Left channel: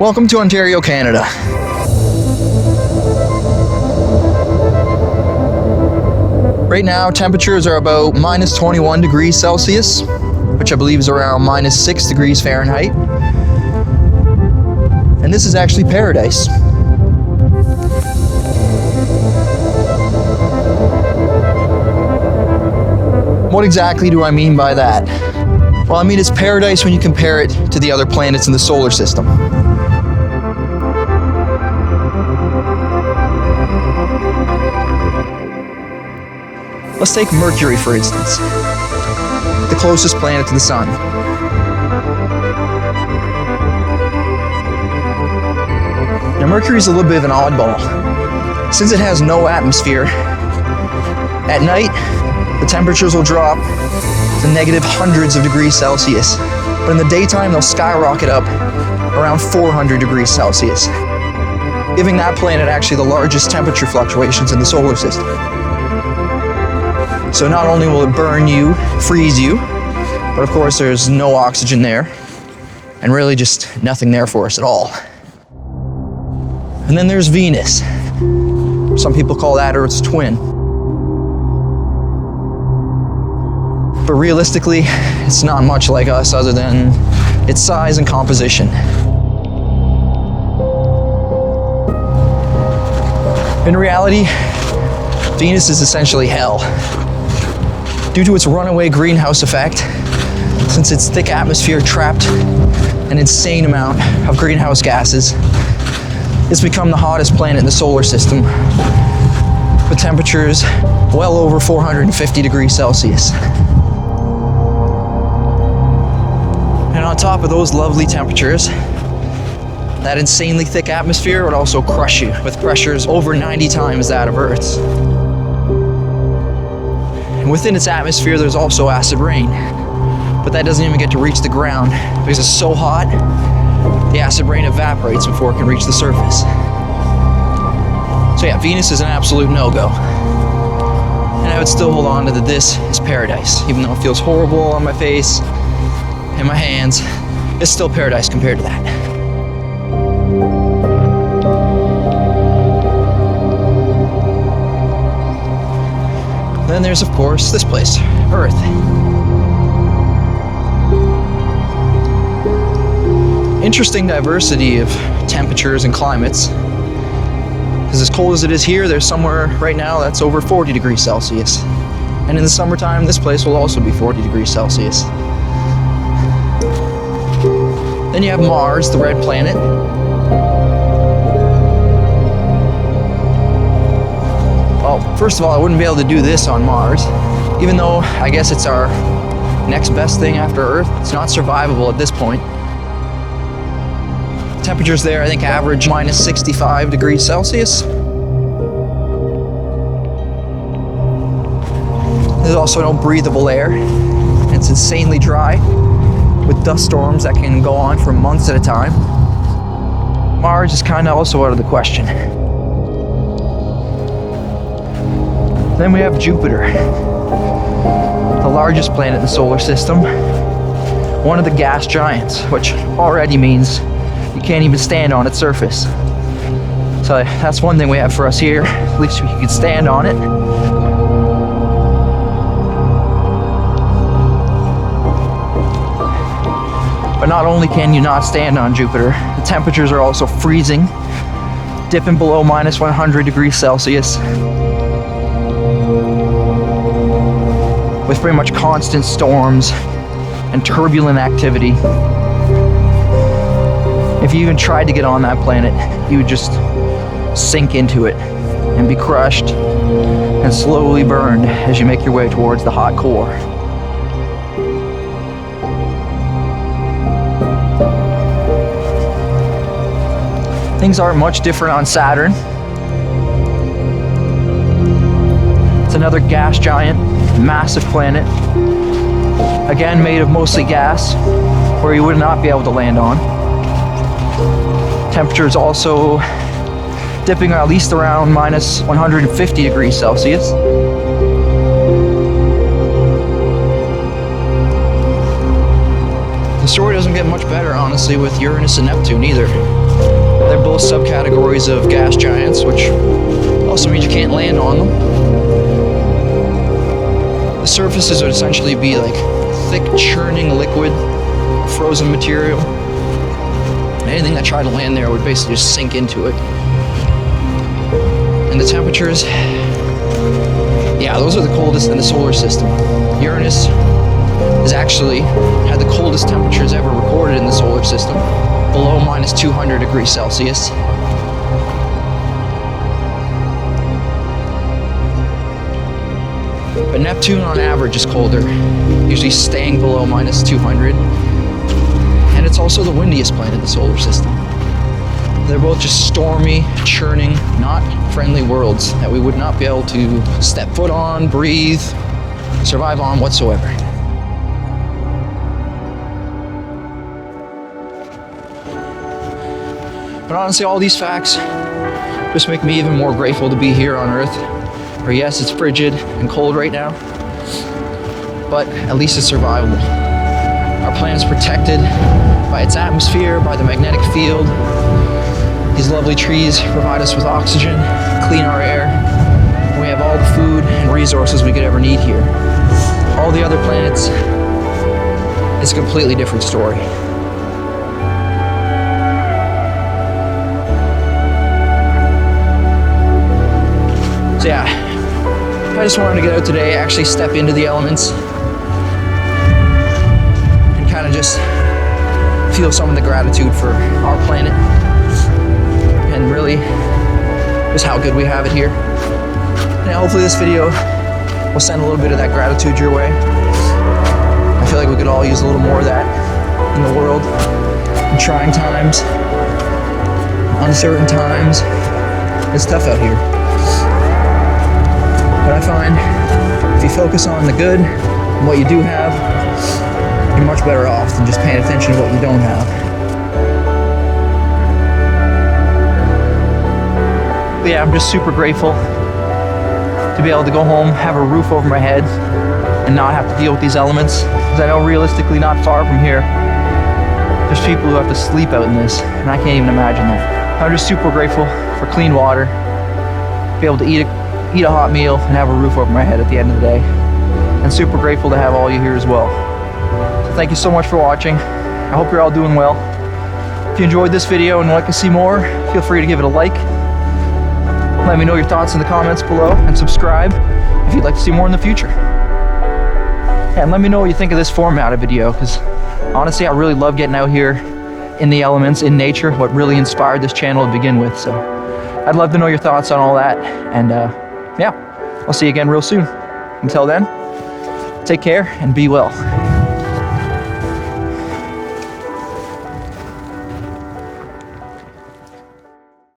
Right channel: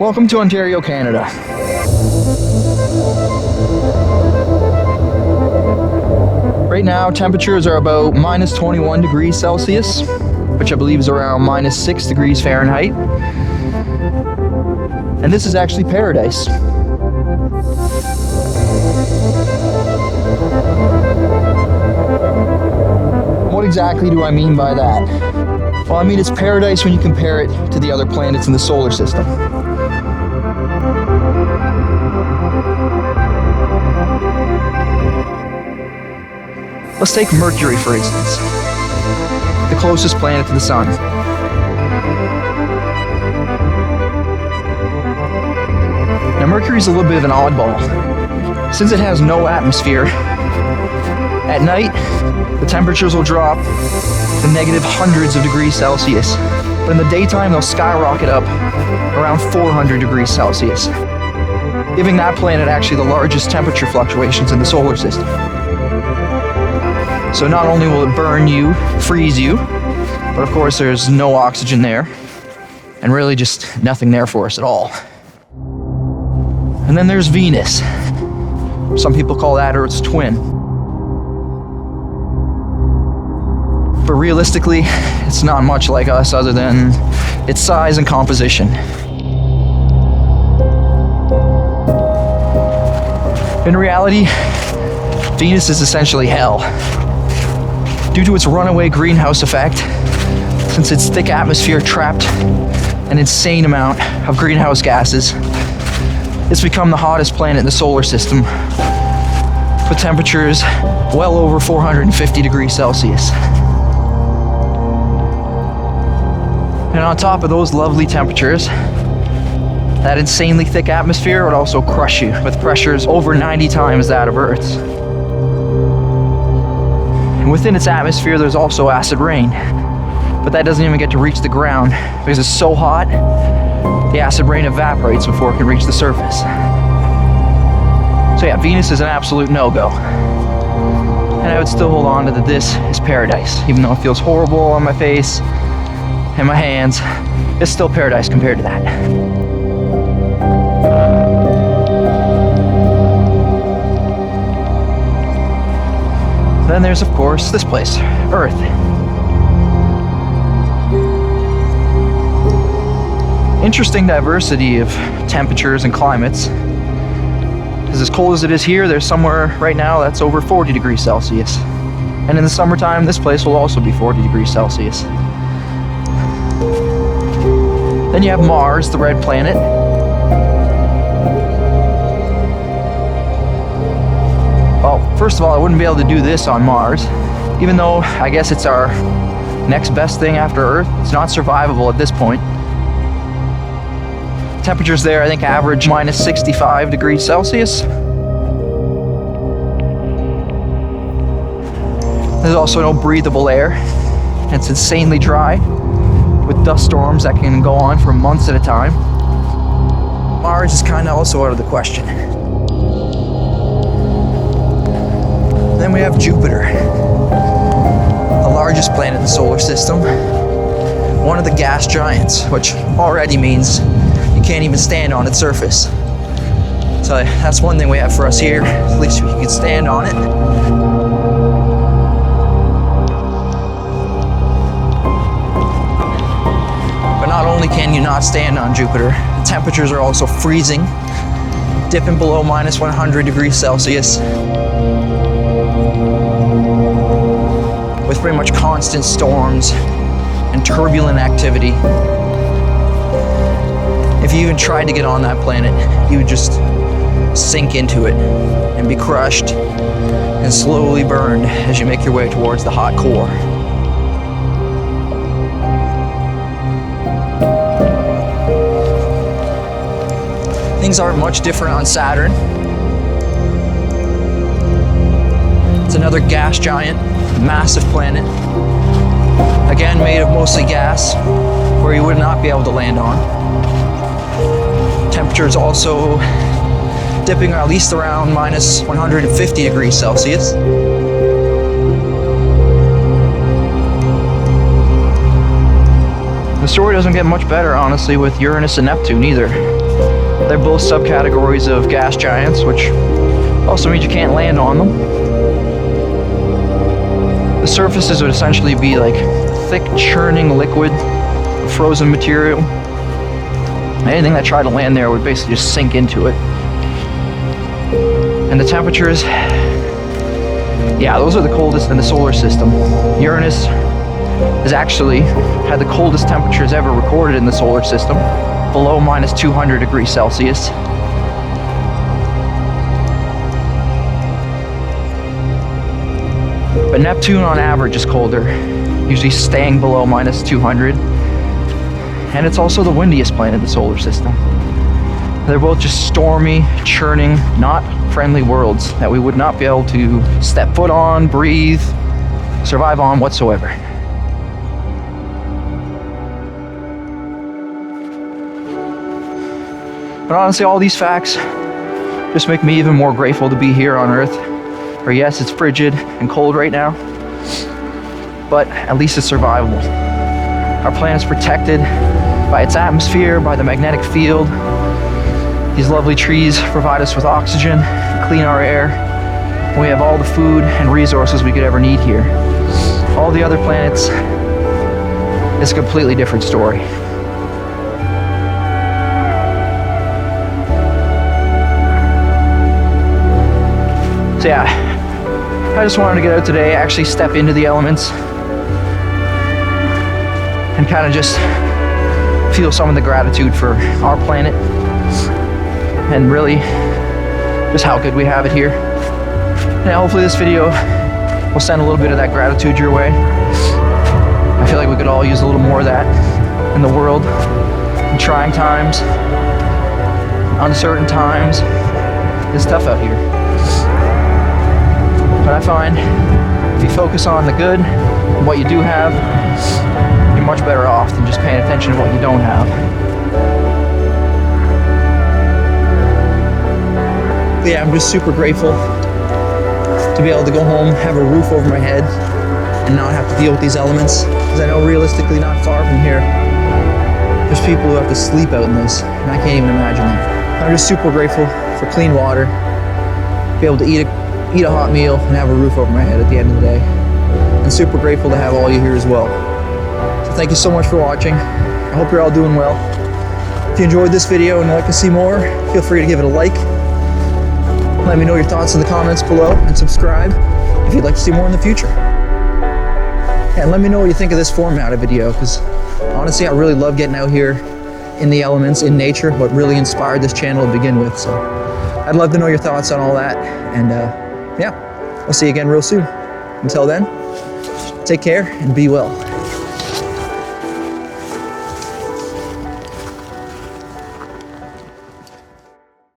Welcome to Ontario, Canada. Right now, temperatures are about minus 21 degrees Celsius, which I believe is around minus 6 degrees Fahrenheit. And this is actually paradise. What exactly do I mean by that? Well, I mean it's paradise when you compare it to the other planets in the solar system. Let's take Mercury, for instance, the closest planet to the Sun. Now, Mercury's a little bit of an oddball. Since it has no atmosphere, at night, the temperatures will drop to negative hundreds of degrees Celsius. But in the daytime, they'll skyrocket up around 400 degrees Celsius, giving that planet actually the largest temperature fluctuations in the solar system. So not only will it burn you, freeze you, but of course there's no oxygen there, and really just nothing there for us at all. And then there's Venus. Some people call that Earth's twin. But realistically, it's not much like us other than its size and composition. In reality, Venus is essentially hell. Due to its runaway greenhouse effect, since its thick atmosphere trapped an insane amount of greenhouse gases, it's become the hottest planet in the solar system, with temperatures well over 450 degrees Celsius. And on top of those lovely temperatures, that insanely thick atmosphere would also crush you with pressures over 90 times that of Earth's. And within its atmosphere, there's also acid rain, but that doesn't even get to reach the ground because it's so hot, the acid rain evaporates before it can reach the surface. So yeah, Venus is an absolute no-go. And I would still hold on to that this is paradise, even though it feels horrible on my face and my hands. It's still paradise compared to that. Then there's, of course, this place, Earth. Interesting diversity of temperatures and climates. Because as cold as it is here, there's somewhere right now that's over 40 degrees Celsius. And in the summertime, this place will also be 40 degrees Celsius. Then you have Mars, the red planet. Well, first of all, I wouldn't be able to do this on Mars, even though I guess it's our next best thing after Earth. It's not survivable at this point. Temperatures there, I think, average minus 65 degrees Celsius. There's also no breathable air. It's insanely dry, with dust storms that can go on for months at a time. Mars is kind of also out of the question. Then we have Jupiter, the largest planet in the solar system, one of the gas giants, which already means you can't even stand on its surface. So that's one thing we have for us here, at least we can stand on it. But not only can you not stand on Jupiter, the temperatures are also freezing, dipping below minus 100 degrees Celsius, with pretty much constant storms and turbulent activity. If you even tried to get on that planet, you would just sink into it and be crushed and slowly burned as you make your way towards the hot core. Things aren't much different on Saturn. It's another gas giant, massive planet. Again, made of mostly gas, where you would not be able to land on. Temperatures also dipping at least around minus 150 degrees Celsius. The story doesn't get much better, honestly, with Uranus and Neptune either. They're both subcategories of gas giants, which also means you can't land on them. The surfaces would essentially be like thick, churning liquid, frozen material. Anything that tried to land there would basically just sink into it. And the temperatures, yeah, those are the coldest in the solar system. Uranus has actually had the coldest temperatures ever recorded in the solar system, below minus 200 degrees Celsius. But Neptune on average is colder, usually staying below minus 200. And it's also the windiest planet in the solar system. They're both just stormy, churning, not friendly worlds that we would not be able to step foot on, breathe, survive on whatsoever. But honestly, all these facts just make me even more grateful to be here on Earth. Or yes, it's frigid and cold right now, but at least it's survivable. Our planet's protected by its atmosphere, by the magnetic field. These lovely trees provide us with oxygen, clean our air, and we have all the food and resources we could ever need here. All the other planets, it's a completely different story. So yeah, I just wanted to get out today, actually step into the elements and kind of just feel some of the gratitude for our planet and really just how good we have it here. And hopefully this video will send a little bit of that gratitude your way. I feel like we could all use a little more of that in the world. In trying times, uncertain times, it's tough out here. But I find if you focus on the good and what you do have, you're much better off than just paying attention to what you don't have. But yeah, I'm just super grateful to be able to go home, have a roof over my head, and not have to deal with these elements. Because I know realistically not far from here, there's people who have to sleep out in this, and I can't even imagine that. I'm just super grateful for clean water, be able to eat a hot meal and have a roof over my head at the end of the day. And super grateful to have all you here as well. So thank you so much for watching. I hope you're all doing well. If you enjoyed this video and would like to see more, feel free to give it a like. Let me know your thoughts in the comments below and subscribe if you'd like to see more in the future. And let me know what you think of this format of video, because honestly I really love getting out here in the elements, in nature, what really inspired this channel to begin with. So I'd love to know your thoughts on all that. And yeah, I'll see you again real soon. Until then, take care and be well.